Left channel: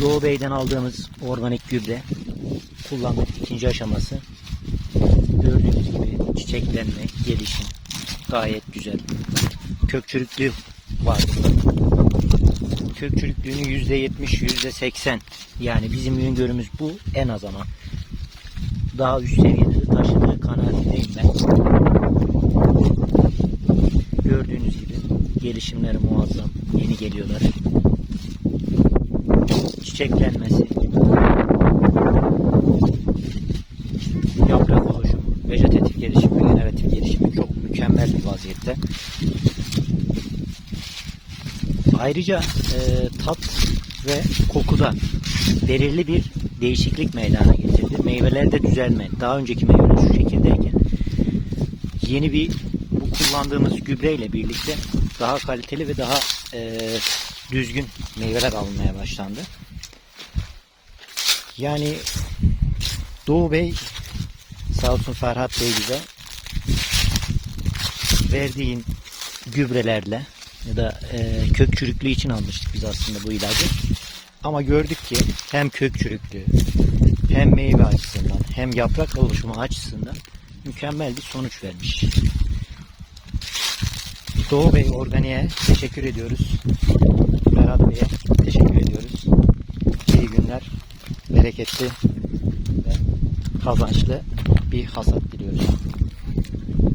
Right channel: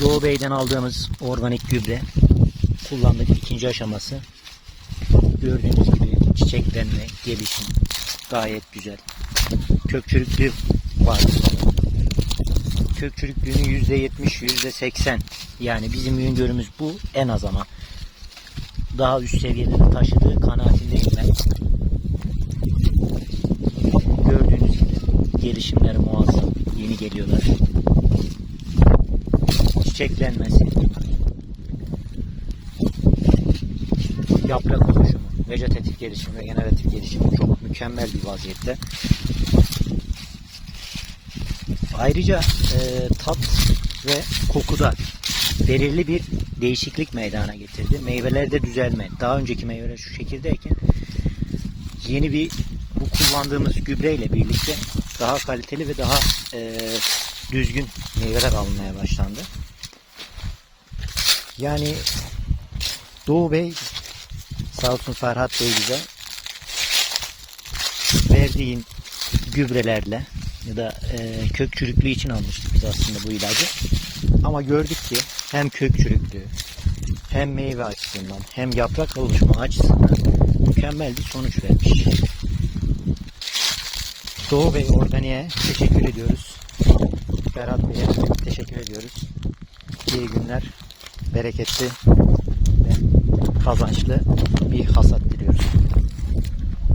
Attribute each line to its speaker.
Speaker 1: Doğu Bey'den aldığımız organik gübre kullandık ikinci aşaması. Gördüğünüz gibi çiçeklenme, gelişim gayet güzel. Kök çürüklüğü var. Kök çürüklüğünün %70, %80 yani bizim öngörümüz bu en az ama daha üst seviyede de taşıdığı kanaatindeyim ben. Gördüğünüz gibi gelişimleri muazzam. Yeni geliyorlar. Çiçeklenmesi. Yaprak oluşumu. Vejetatif gelişim ve generatif gelişim çok mükemmel bir vaziyette. Ayrıca e, tat ve kokuda belirli bir değişiklik meydana getirdi. Meyvelerde düzelme. Daha önceki meyveler şu şekildeyken yeni bir bu kullandığımız gübreyle birlikte daha kaliteli ve daha e, düzgün meyveler alınmaya başlandı. Yani Doğu Bey sağ olsun Ferhat Bey bize verdiğin gübrelerle ya da e, kök çürüklüğü için almıştık biz aslında bu ilacı. Ama gördük ki hem kök çürüklüğü hem meyve açısından hem yaprak oluşumu açısından mükemmel bir sonuç vermiş. Doğu Bey Organi'ye teşekkür ediyoruz. Ferhat Bey'e teşekkür ediyoruz. İyi günler, bereketli ve kazançlı bir hasat diliyoruz.